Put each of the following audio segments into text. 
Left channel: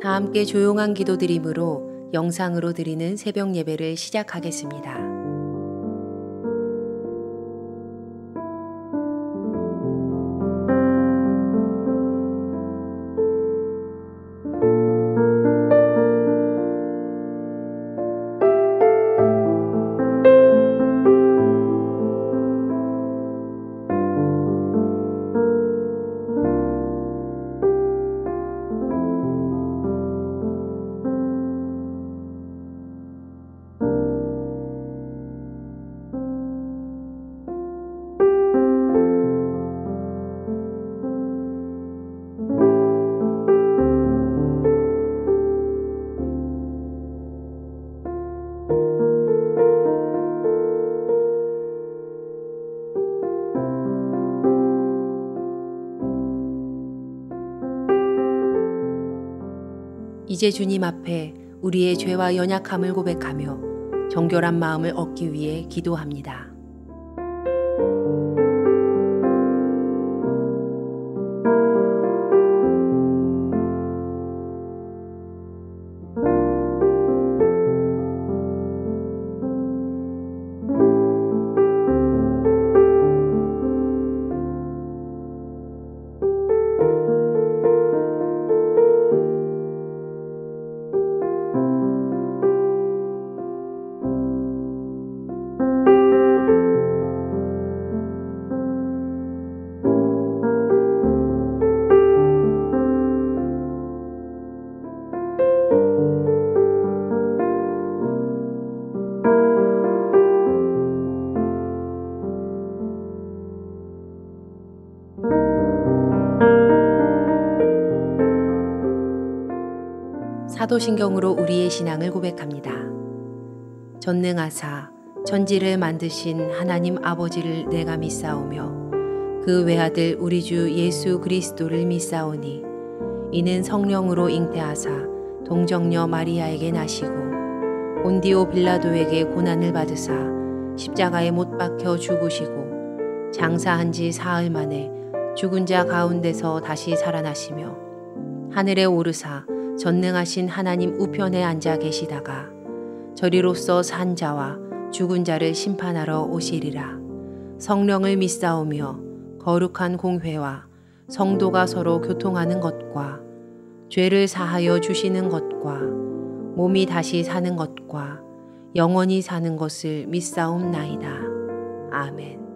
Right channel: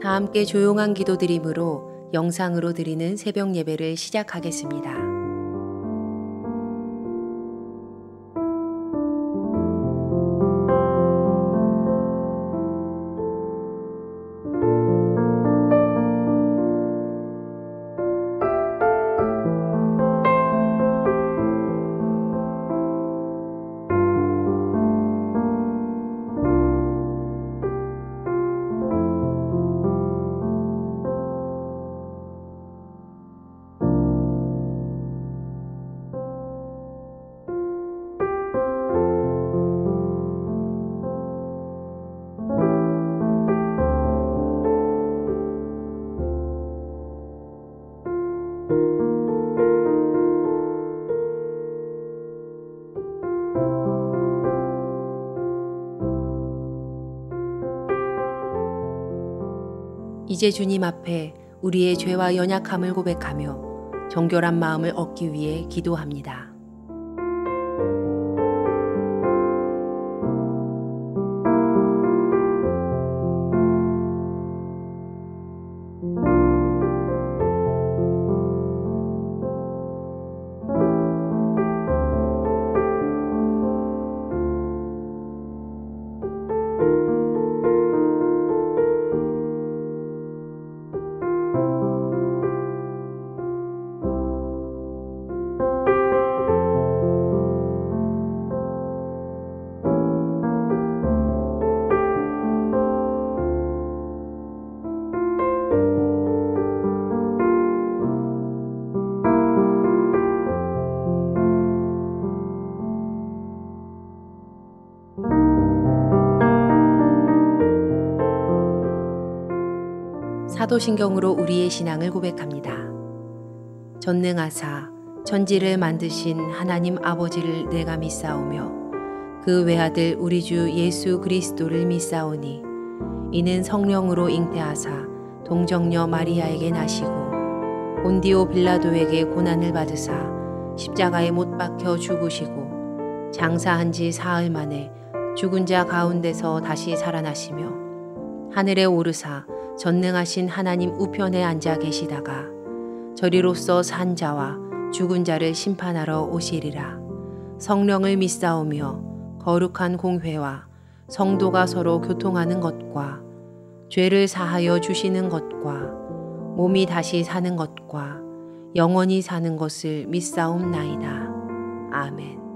다 함께 조용한 기도드림으로 영상으로 드리는 새벽 예배를 시작하겠습니다. 이제 주님 앞에 우리의 죄와 연약함을 고백하며 정결한 마음을 얻기 위해 기도합니다. 사도신경으로 우리의 신앙을 고백합니다. 전능하사 천지를 만드신 하나님 아버지를 내가 믿사오며 그 외아들 우리 주 예수 그리스도를 믿사오니 이는 성령으로 잉태하사 동정녀 마리아에게 나시고 본디오 빌라도에게 고난을 받으사 십자가에 못 박혀 죽으시고 장사한 지 사흘 만에 죽은 자 가운데서 다시 살아나시며 하늘에 오르사 전능하신 하나님 우편에 앉아 계시다가 저리로서 산 자와 죽은 자를 심판하러 오시리라. 성령을 믿사오며 거룩한 공회와 성도가 서로 교통하는 것과 죄를 사하여 주시는 것과 몸이 다시 사는 것과 영원히 사는 것을 믿사옵나이다. 아멘.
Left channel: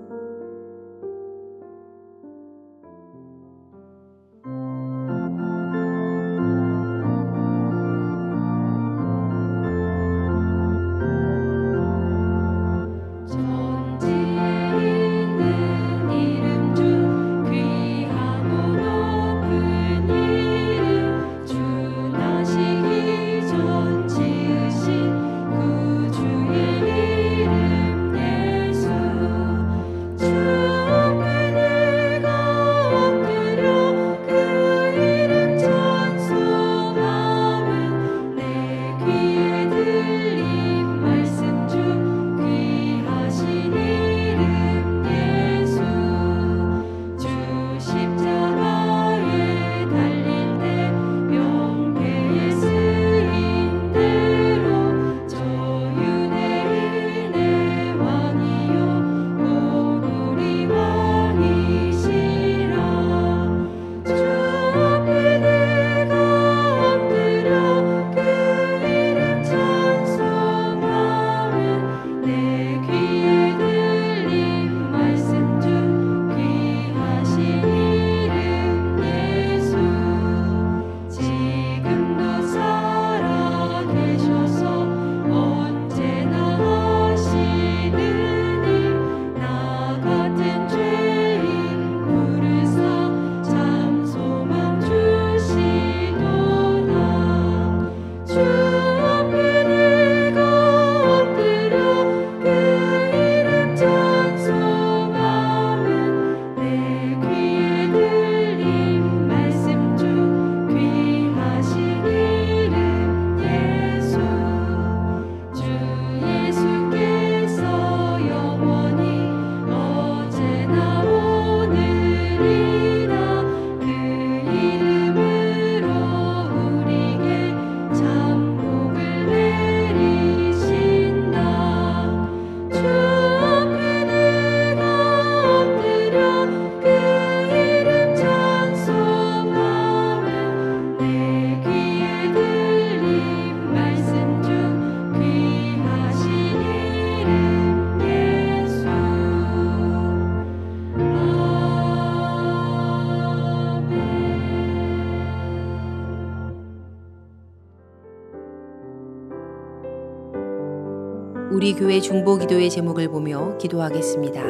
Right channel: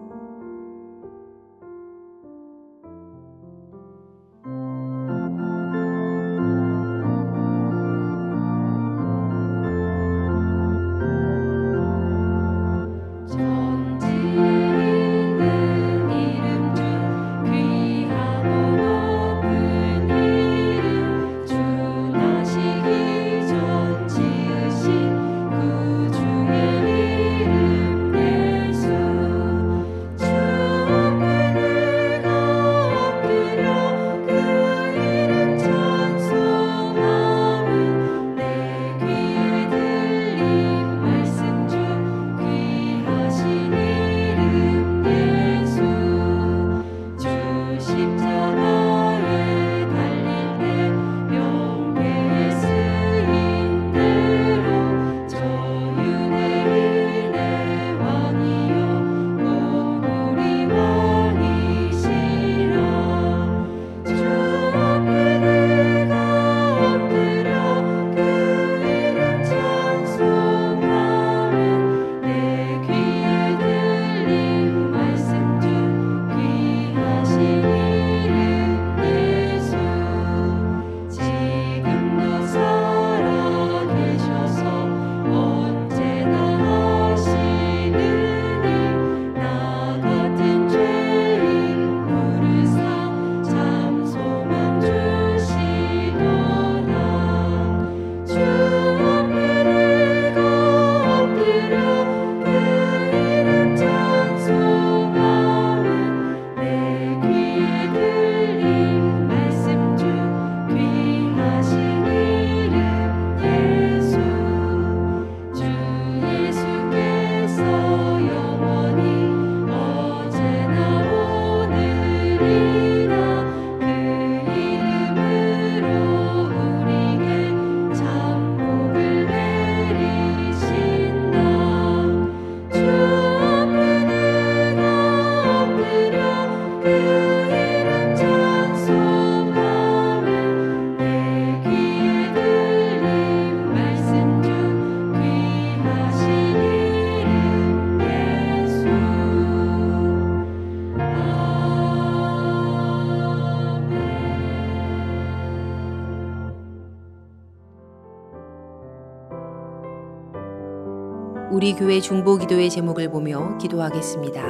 우리 교회 중보기도의 제목을 보며 기도하겠습니다.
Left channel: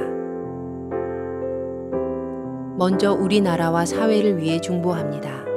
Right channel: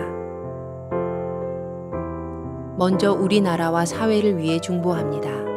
먼저 우리나라와 사회를 위해 중보합니다.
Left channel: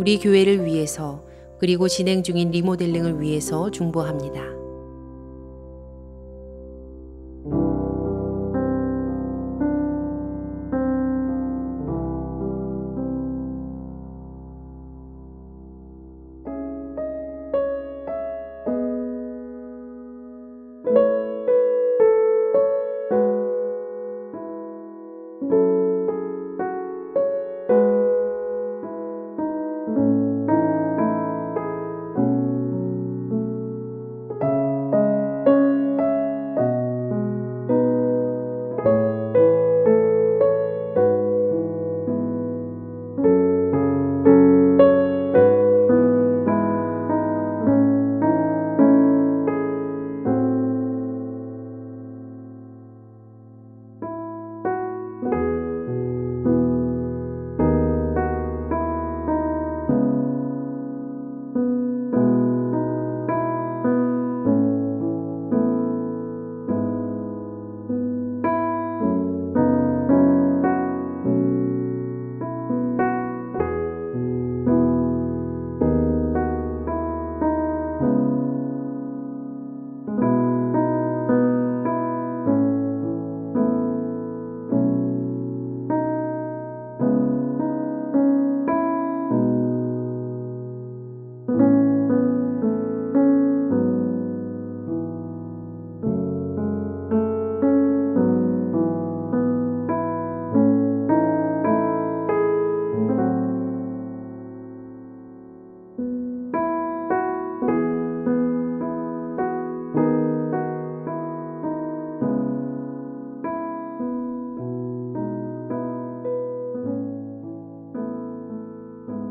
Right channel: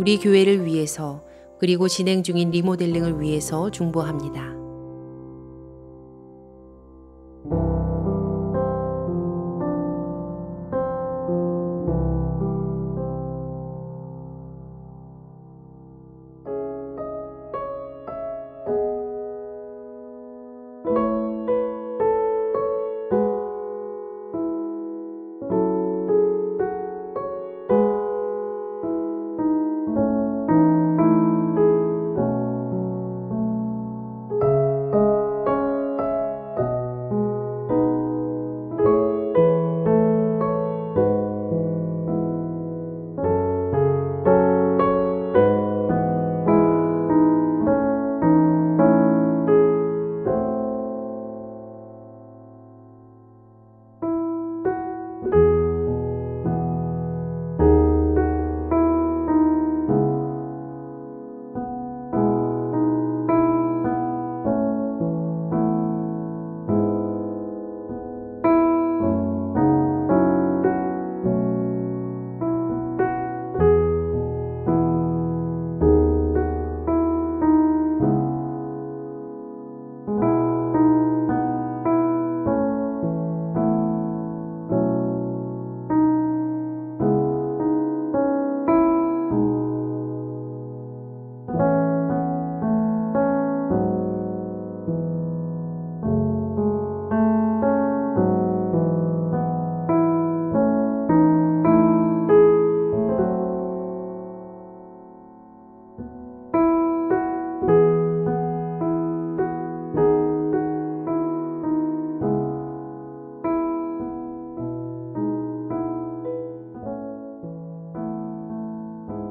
우리 교회를 위해서 그리고 진행 중인 리모델링을 위해서 중보합니다.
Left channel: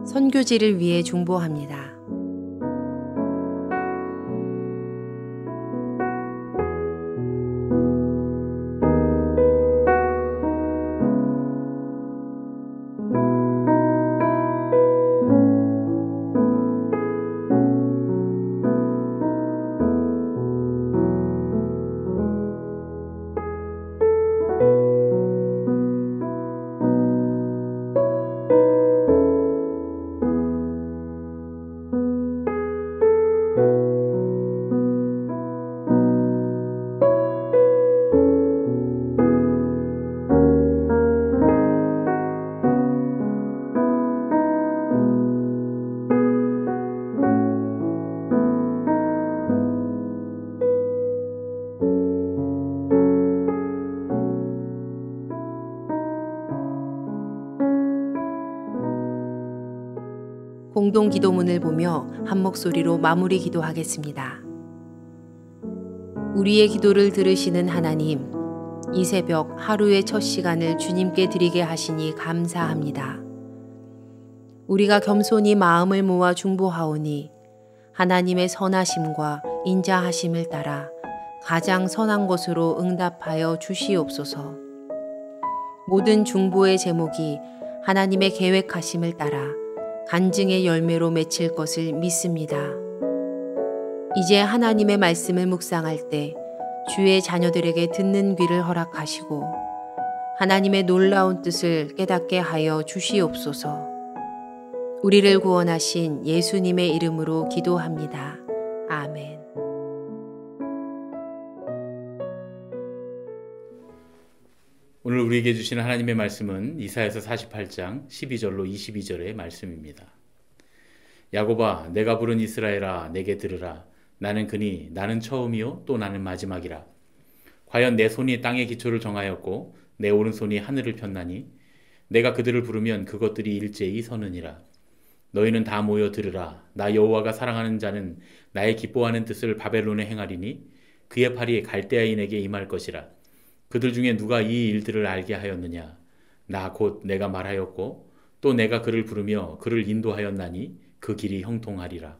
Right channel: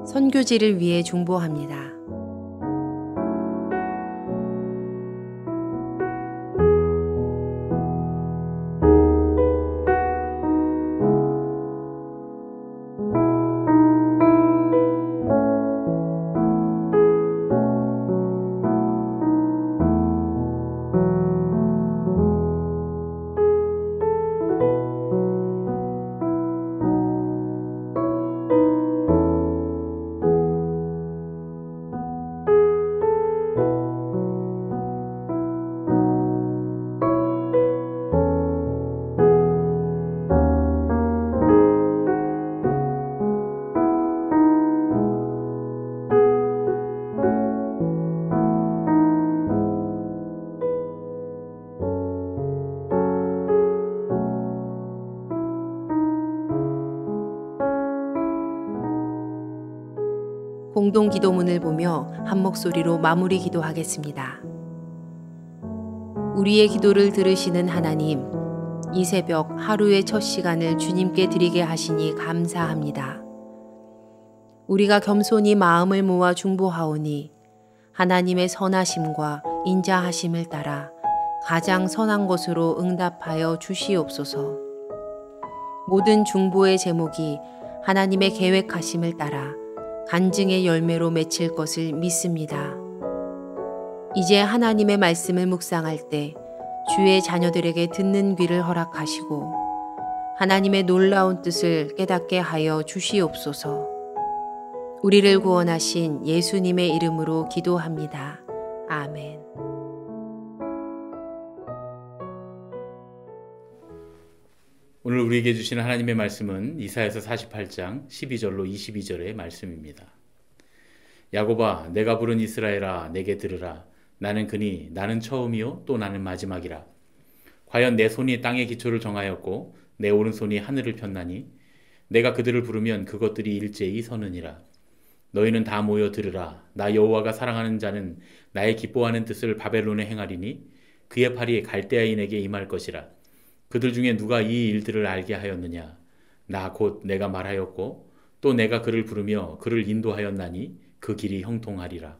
선교지를 위해 중보합니다. 공동 기도문을 보며 한 목소리로 마무리 기도하겠습니다. 우리의 기도를 들으시는 하나님, 이 새벽 하루의 첫 시간을 주님께 드리게 하시니 감사합니다. 우리가 겸손히 마음을 모아 중보하오니 하나님의 선하심과 인자하심을 따라 가장 선한 것으로 응답하여 주시옵소서. 모든 중보의 제목이 하나님의 계획하심을 따라 간증의 열매로 맺힐 것을 믿습니다. 이제 하나님의 말씀을 묵상할 때 주의 자녀들에게 듣는 귀를 허락하시고 하나님의 놀라운 뜻을 깨닫게 하여 주시옵소서. 우리를 구원하신 예수님의 이름으로 기도합니다. 아멘. 오늘 우리에게 주시는 하나님의 말씀은 이사야서 48장 12절로 22절의 말씀입니다. 야곱아, 내가 부른 이스라엘아, 내게 들으라. 나는 그니 나는 처음이요 또 나는 마지막이라. 과연 내 손이 땅의 기초를 정하였고 내 오른손이 하늘을 폈나니 내가 그들을 부르면 그것들이 일제히 서느니라. 너희는 다 모여 들으라. 나 여호와가 사랑하는 자는 나의 기뻐하는 뜻을 바벨론에 행하리니 그의 팔이 갈대아인에게 임할 것이라. 그들 중에 누가 이 일들을 알게 하였느냐? 나 곧 내가 말하였고 또 내가 그를 부르며 그를 인도하였나니 그 길이 형통하리라.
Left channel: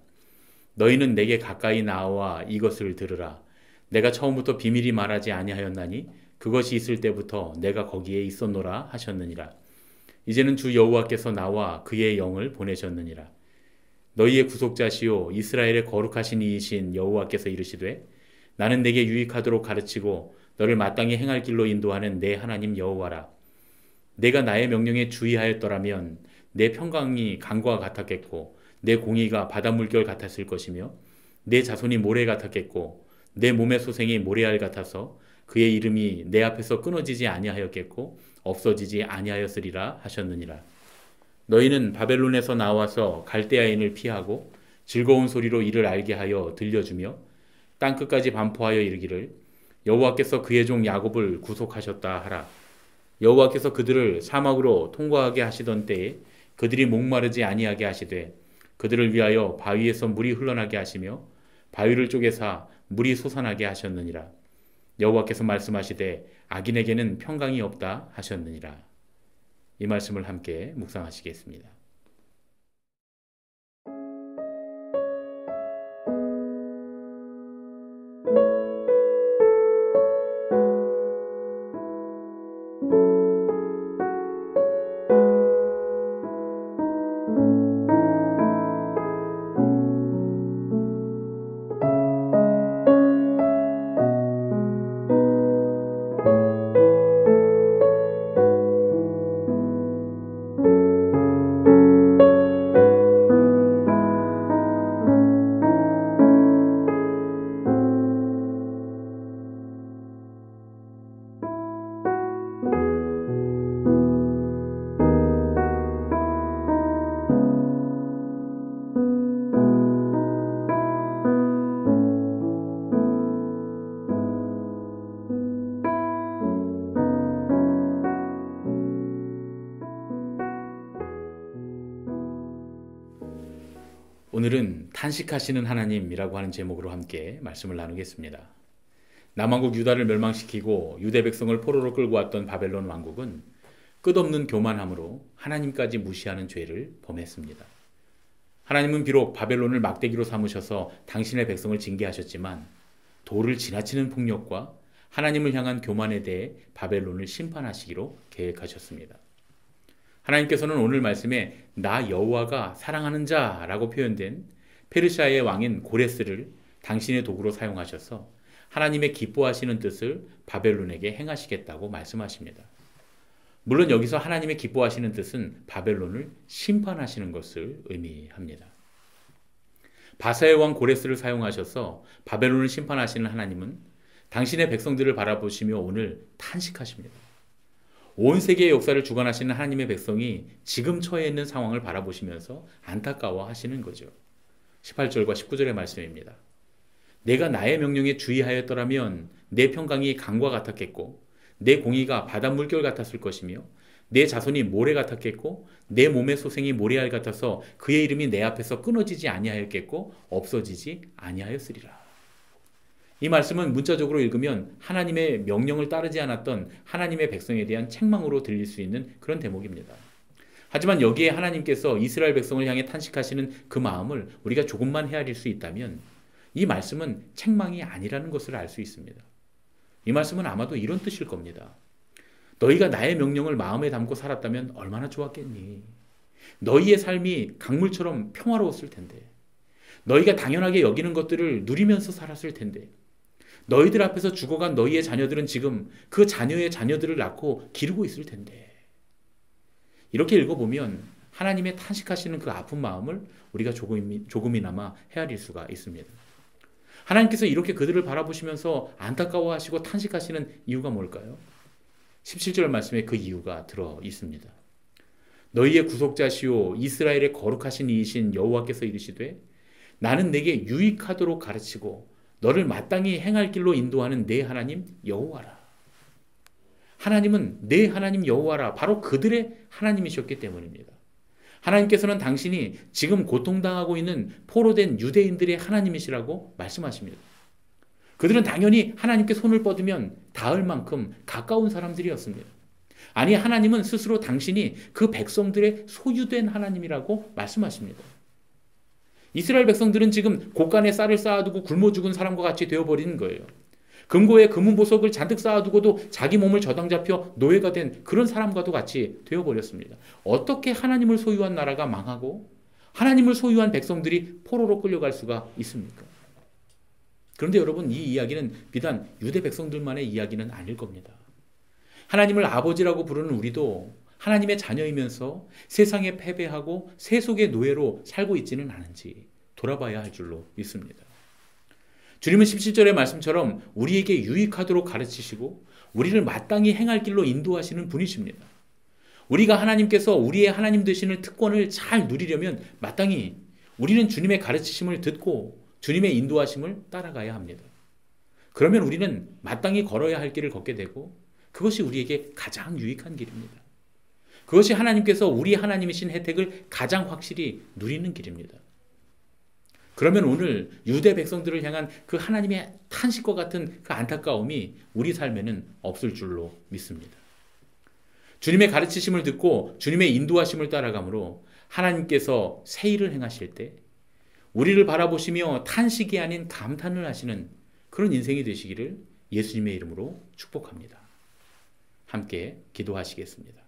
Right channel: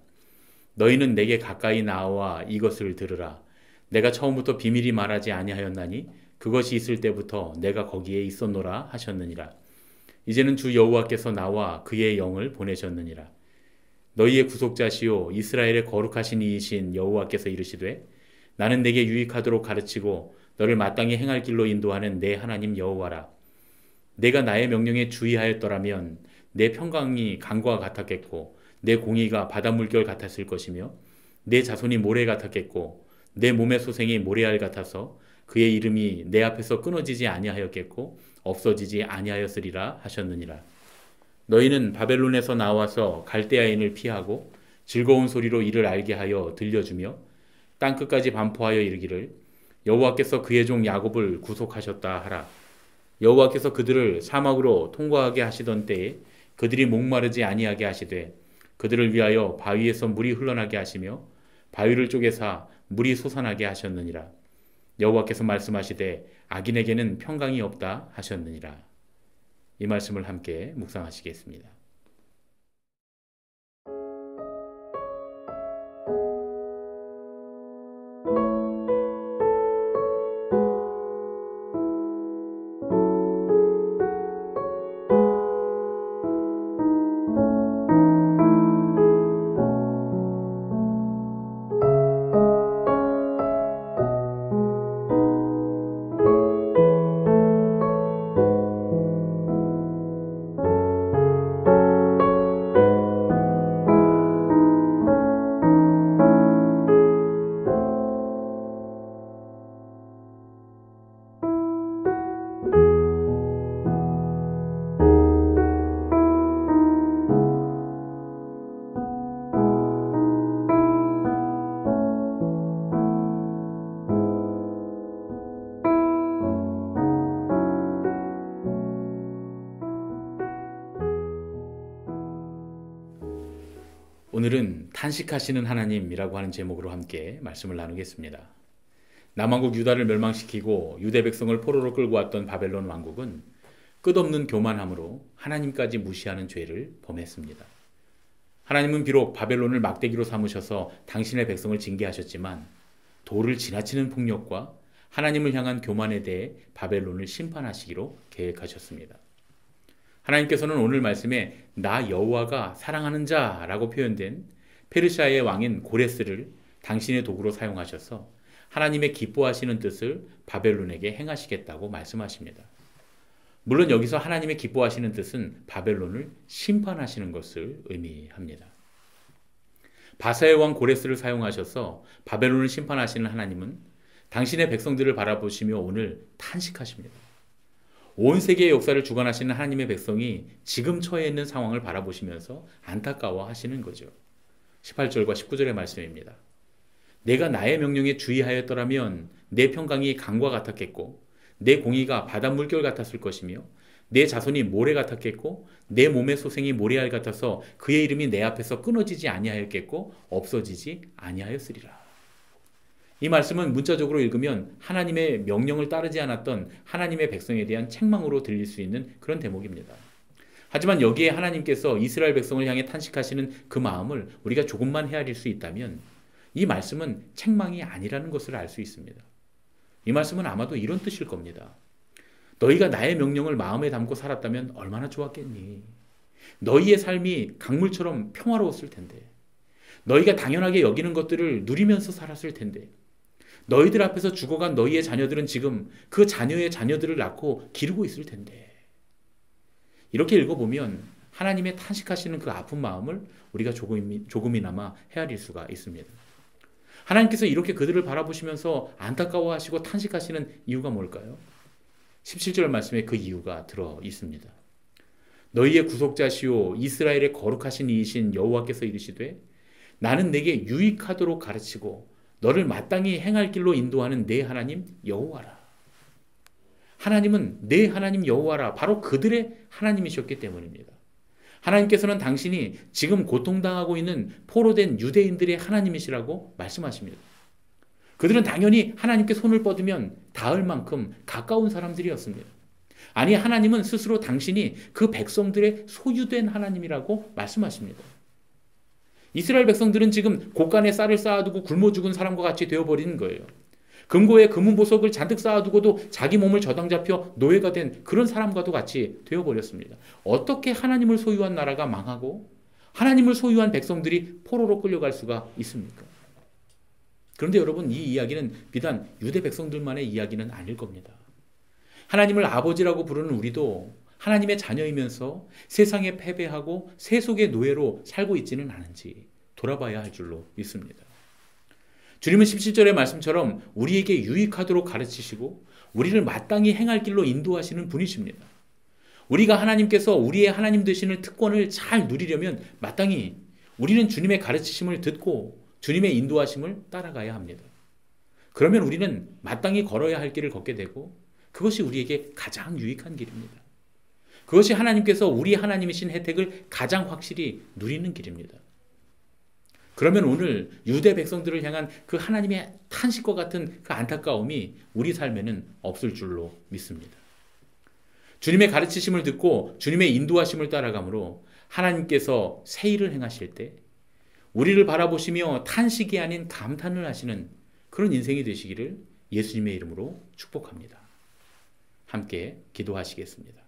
너희는 내게 가까이 나와 이것을 들으라. 내가 처음부터 비밀이 말하지 아니하였나니 그것이 있을 때부터 내가 거기에 있었노라 하셨느니라. 이제는 주 여호와께서 나와 그의 영을 보내셨느니라. 너희의 구속자시요 이스라엘의 거룩하신 이이신 여호와께서 이르시되 나는 내게 유익하도록 가르치고 너를 마땅히 행할 길로 인도하는 내 하나님 여호와라. 내가 나의 명령에 주의하였더라면 내 평강이 강과 같았겠고 내 공의가 바다 물결 같았을 것이며 내 자손이 모래 같았겠고 내 몸의 소생이 모래알 같아서 그의 이름이 내 앞에서 끊어지지 아니하였겠고 없어지지 아니하였으리라 하셨느니라. 너희는 바벨론에서 나와서 갈대아인을 피하고 즐거운 소리로 이를 알게 하여 들려주며 땅끝까지 반포하여 이르기를 여호와께서 그의 종 야곱을 구속하셨다 하라. 여호와께서 그들을 사막으로 통과하게 하시던 때에 그들이 목마르지 아니하게 하시되 그들을 위하여 바위에서 물이 흘러나게 하시며 바위를 쪼개사 물이 솟아나게 하셨느니라. 여호와께서 말씀하시되 악인에게는 평강이 없다 하셨느니라. 이 말씀을 함께 묵상하시겠습니다. 오늘은 탄식하시는 하나님이라고 하는 제목으로 함께 말씀을 나누겠습니다. 남왕국 유다를 멸망시키고 유대 백성을 포로로 끌고 왔던 바벨론 왕국은 끝없는 교만함으로 하나님까지 무시하는 죄를 범했습니다. 하나님은 비록 바벨론을 막대기로 삼으셔서 당신의 백성을 징계하셨지만 도를 지나치는 폭력과 하나님을 향한 교만에 대해 바벨론을 심판하시기로 계획하셨습니다. 하나님께서는 오늘 말씀에 나 여호와가 사랑하는 자라고 표현된 페르시아의 왕인 고레스를 당신의 도구로 사용하셔서 하나님의 기뻐하시는 뜻을 바벨론에게 행하시겠다고 말씀하십니다. 물론 여기서 하나님의 기뻐하시는 뜻은 바벨론을 심판하시는 것을 의미합니다. 바사의 왕 고레스를 사용하셔서 바벨론을 심판하시는 하나님은 당신의 백성들을 바라보시며 오늘 탄식하십니다. 온 세계의 역사를 주관하시는 하나님의 백성이 지금 처해 있는 상황을 바라보시면서 안타까워하시는 거죠. 18절과 19절의 말씀입니다. 내가 나의 명령에 주의하였더라면 내 평강이 강과 같았겠고 내 공의가 바닷 물결 같았을 것이며 내 자손이 모래 같았겠고 내 몸의 소생이 모래알 같아서 그의 이름이 내 앞에서 끊어지지 아니하였겠고 없어지지 아니하였으리라. 이 말씀은 문자적으로 읽으면 하나님의 명령을 따르지 않았던 하나님의 백성에 대한 책망으로 들릴 수 있는 그런 대목입니다. 하지만 여기에 하나님께서 이스라엘 백성을 향해 탄식하시는 그 마음을 우리가 조금만 헤아릴 수 있다면 이 말씀은 책망이 아니라는 것을 알 수 있습니다. 이 말씀은 아마도 이런 뜻일 겁니다. 너희가 나의 명령을 마음에 담고 살았다면 얼마나 좋았겠니? 너희의 삶이 강물처럼 평화로웠을 텐데, 너희가 당연하게 여기는 것들을 누리면서 살았을 텐데, 너희들 앞에서 죽어간 너희의 자녀들은 지금 그 자녀의 자녀들을 낳고 기르고 있을 텐데. 이렇게 읽어보면 하나님의 탄식하시는 그 아픈 마음을 우리가 조금이나마 헤아릴 수가 있습니다. 하나님께서 이렇게 그들을 바라보시면서 안타까워하시고 탄식하시는 이유가 뭘까요? 17절 말씀에 그 이유가 들어 있습니다. 너희의 구속자시오 이스라엘의 거룩하신 이이신 여호와께서 이르시되 나는 내게 유익하도록 가르치고 너를 마땅히 행할 길로 인도하는 내 하나님 여호와라. 하나님은 내 하나님 여호와라. 바로 그들의 하나님이셨기 때문입니다. 하나님께서는 당신이 지금 고통당하고 있는 포로된 유대인들의 하나님이시라고 말씀하십니다. 그들은 당연히 하나님께 손을 뻗으면 닿을 만큼 가까운 사람들이었습니다. 아니, 하나님은 스스로 당신이 그 백성들의 소유된 하나님이라고 말씀하십니다. 이스라엘 백성들은 지금 곳간에 쌀을 쌓아두고 굶어 죽은 사람과 같이 되어버리는 거예요. 금고에 금은보석을 잔뜩 쌓아두고도 자기 몸을 저당 잡혀 노예가 된 그런 사람과도 같이 되어버렸습니다. 어떻게 하나님을 소유한 나라가 망하고 하나님을 소유한 백성들이 포로로 끌려갈 수가 있습니까? 그런데 여러분, 이 이야기는 비단 유대 백성들만의 이야기는 아닐 겁니다. 하나님을 아버지라고 부르는 우리도 하나님의 자녀이면서 세상에 패배하고 세속의 노예로 살고 있지는 않은지 돌아봐야 할 줄로 믿습니다. 주님은 17절의 말씀처럼 우리에게 유익하도록 가르치시고 우리를 마땅히 행할 길로 인도하시는 분이십니다. 우리가 하나님께서 우리의 하나님 되시는 특권을 잘 누리려면 마땅히 우리는 주님의 가르치심을 듣고 주님의 인도하심을 따라가야 합니다. 그러면 우리는 마땅히 걸어야 할 길을 걷게 되고 그것이 우리에게 가장 유익한 길입니다. 그것이 하나님께서 우리 하나님이신 혜택을 가장 확실히 누리는 길입니다. 그러면 오늘 유대 백성들을 향한 그 하나님의 탄식과 같은 그 안타까움이 우리 삶에는 없을 줄로 믿습니다. 주님의 가르치심을 듣고 주님의 인도하심을 따라가므로 하나님께서 새 일을 행하실 때 우리를 바라보시며 탄식이 아닌 감탄을 하시는 그런 인생이 되시기를 예수님의 이름으로 축복합니다. 함께 기도하시겠습니다.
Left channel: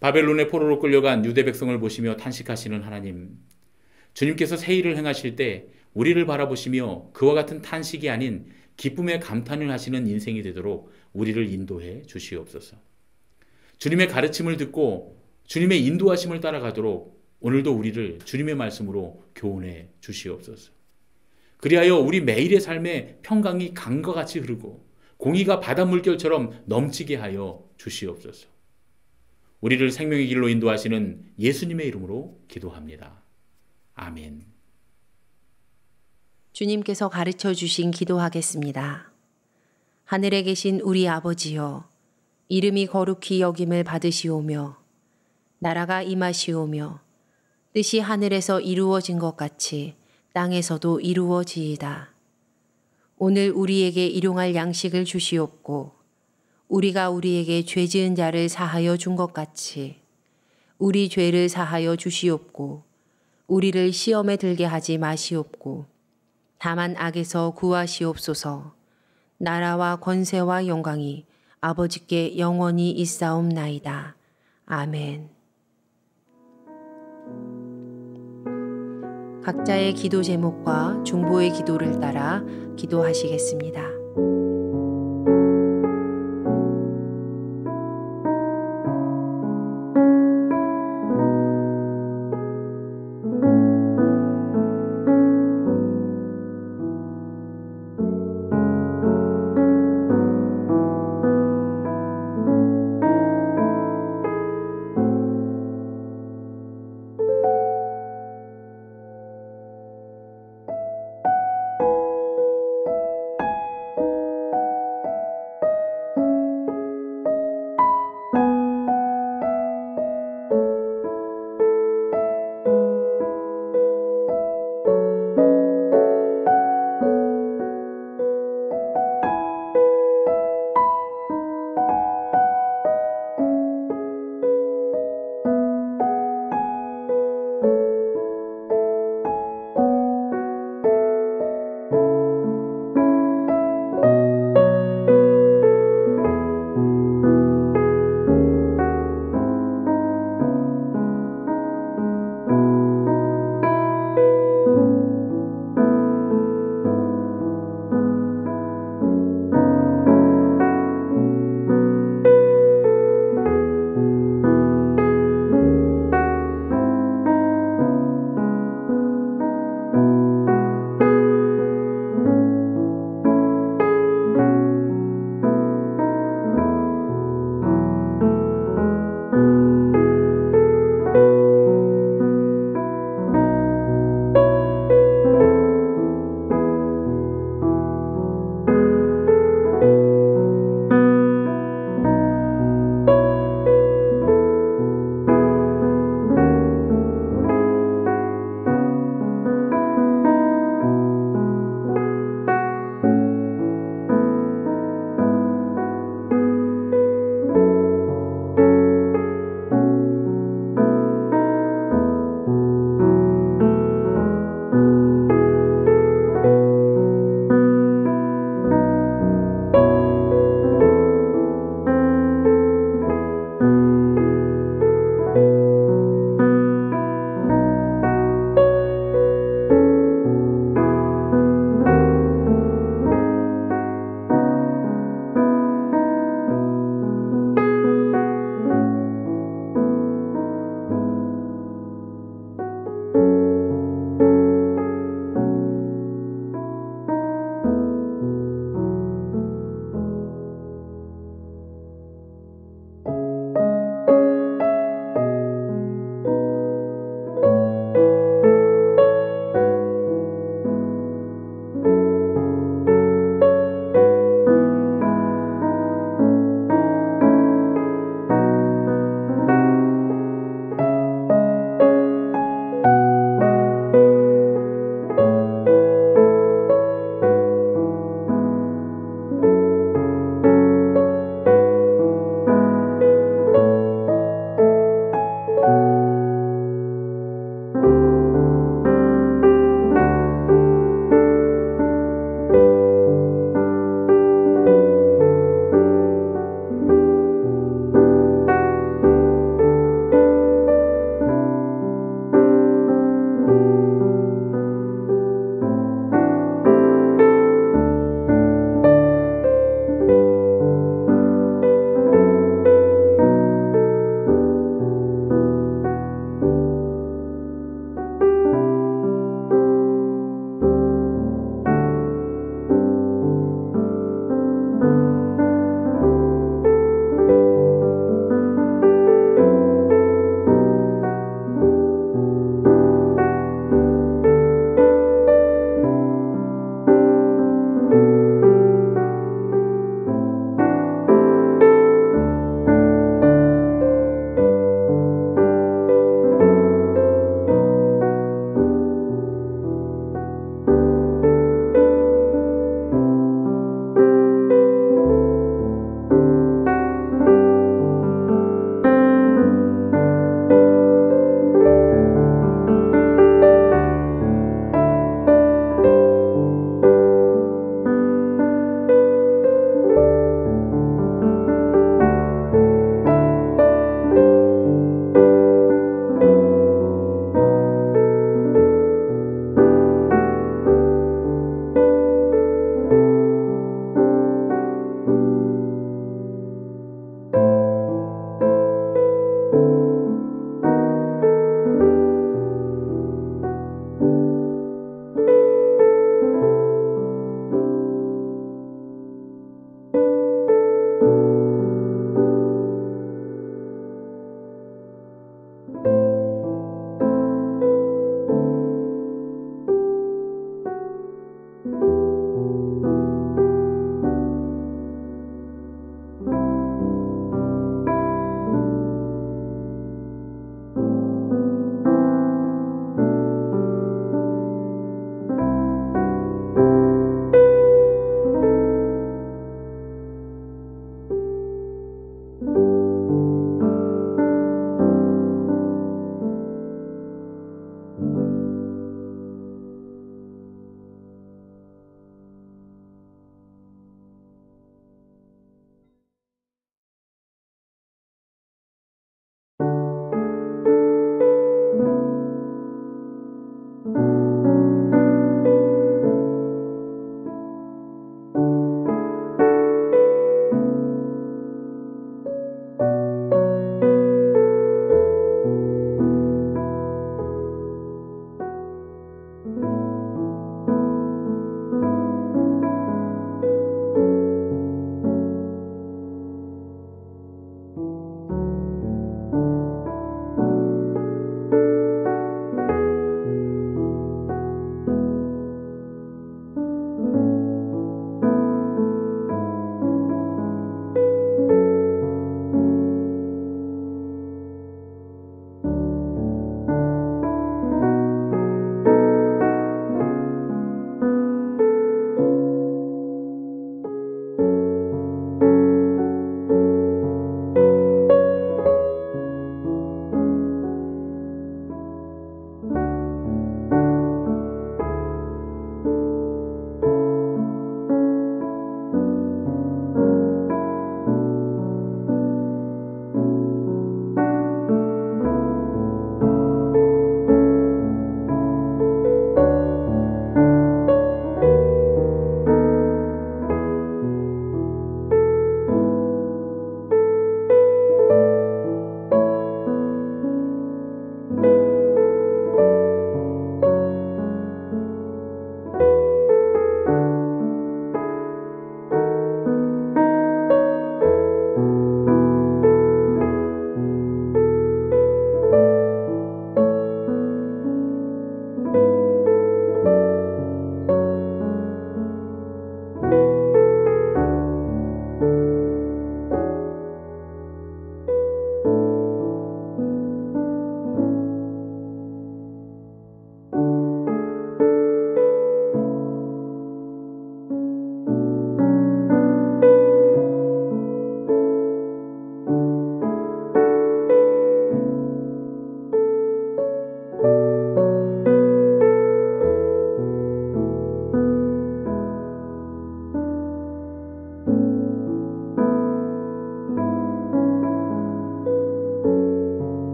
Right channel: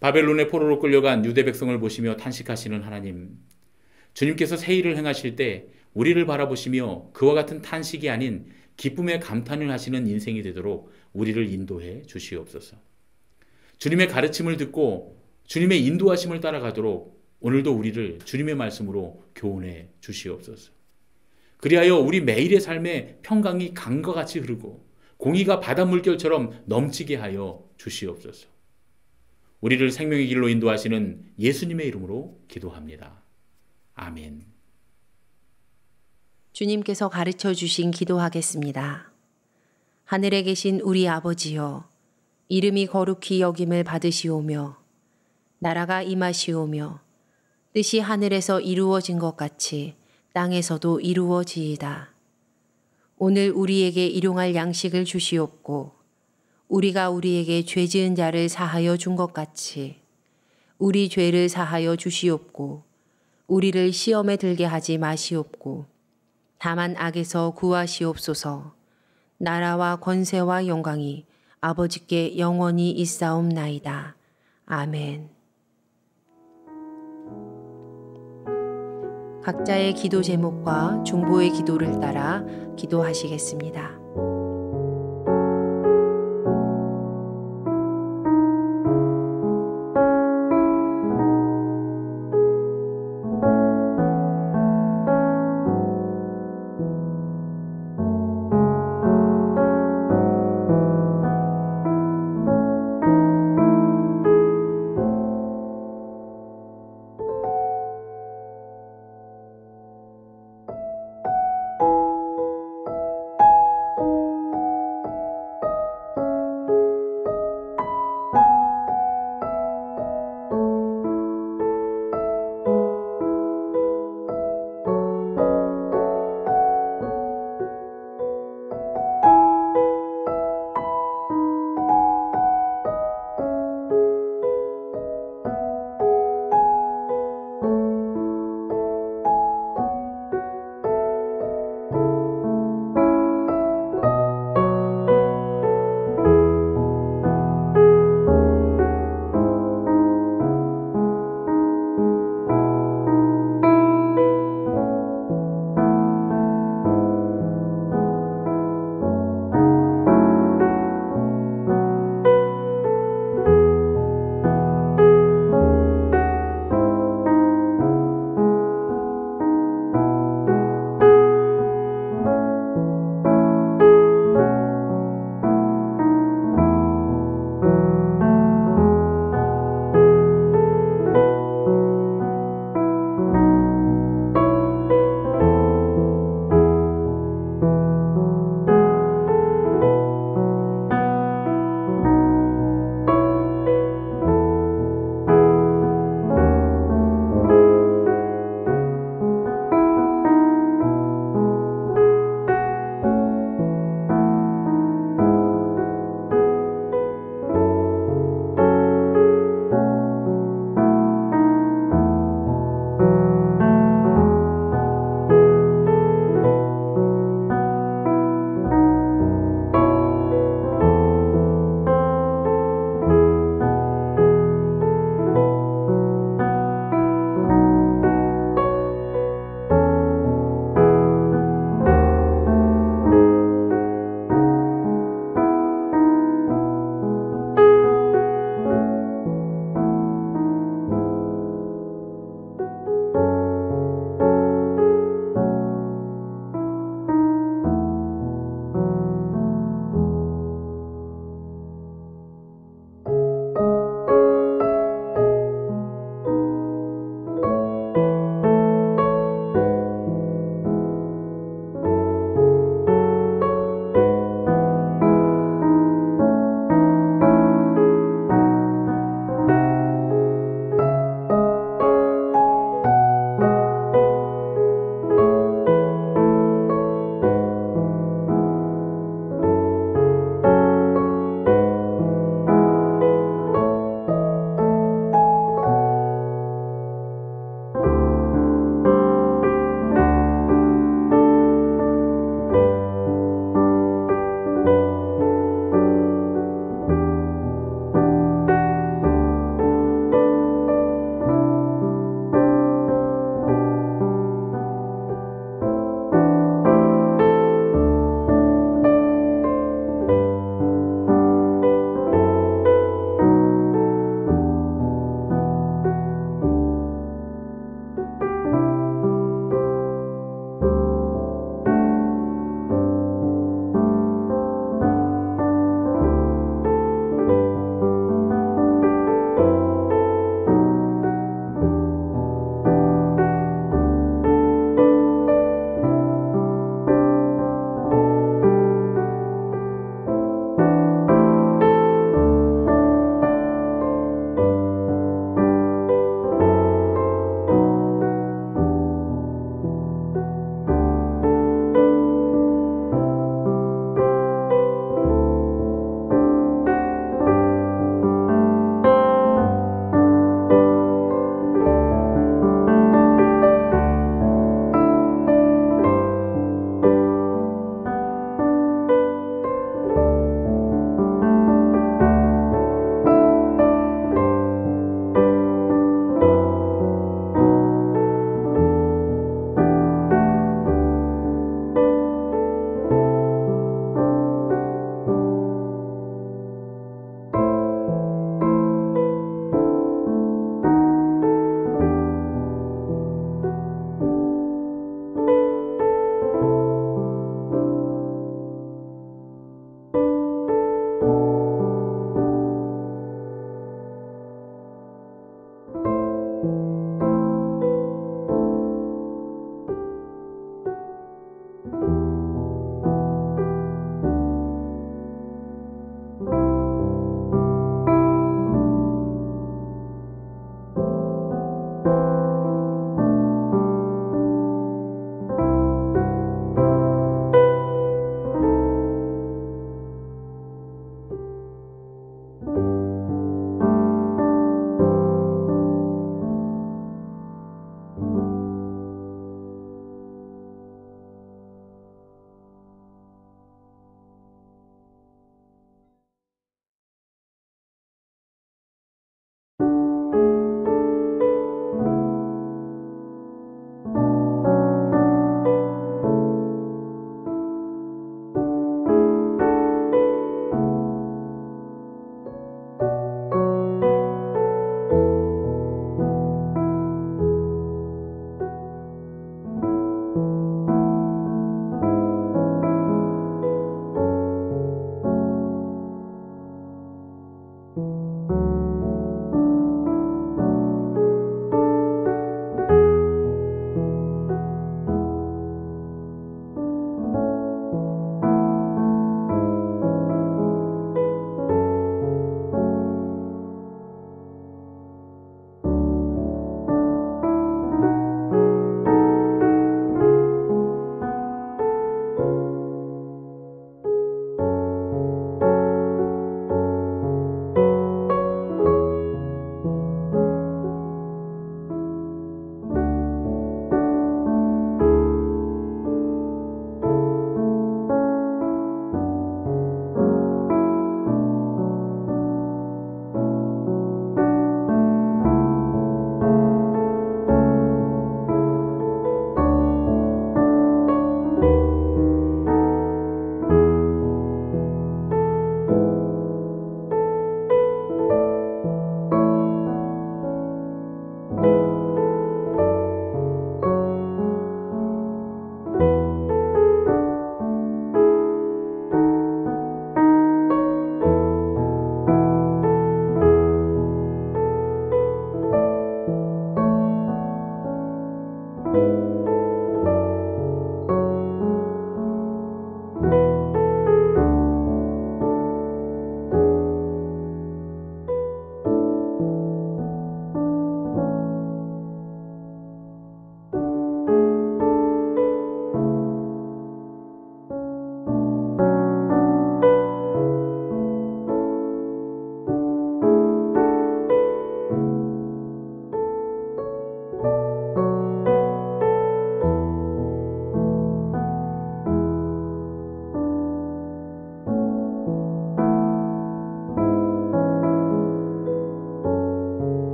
바벨론의 포로로 끌려간 유대 백성을 보시며 탄식하시는 하나님, 주님께서 새 일을 행하실 때 우리를 바라보시며 그와 같은 탄식이 아닌 기쁨의 감탄을 하시는 인생이 되도록 우리를 인도해 주시옵소서. 주님의 가르침을 듣고 주님의 인도하심을 따라가도록 오늘도 우리를 주님의 말씀으로 교훈해 주시옵소서. 그리하여 우리 매일의 삶에 평강이 강과 같이 흐르고 공의가 바다 물결처럼 넘치게 하여 주시옵소서. 우리를 생명의 길로 인도하시는 예수님의 이름으로 기도합니다. 아멘. 주님께서 가르쳐 주신 기도하겠습니다. 하늘에 계신 우리 아버지여, 이름이 거룩히 여김을 받으시오며 나라가 임하시오며 뜻이 하늘에서 이루어진 것 같이 땅에서도 이루어지이다. 오늘 우리에게 일용할 양식을 주시옵고 우리가 우리에게 죄 지은 자를 사하여 준 것 같이 우리 죄를 사하여 주시옵고 우리를 시험에 들게 하지 마시옵고 다만 악에서 구하시옵소서. 나라와 권세와 영광이 아버지께 영원히 있사옵나이다. 아멘. 각자의 기도 제목과 중보의 기도를 따라 기도하시겠습니다.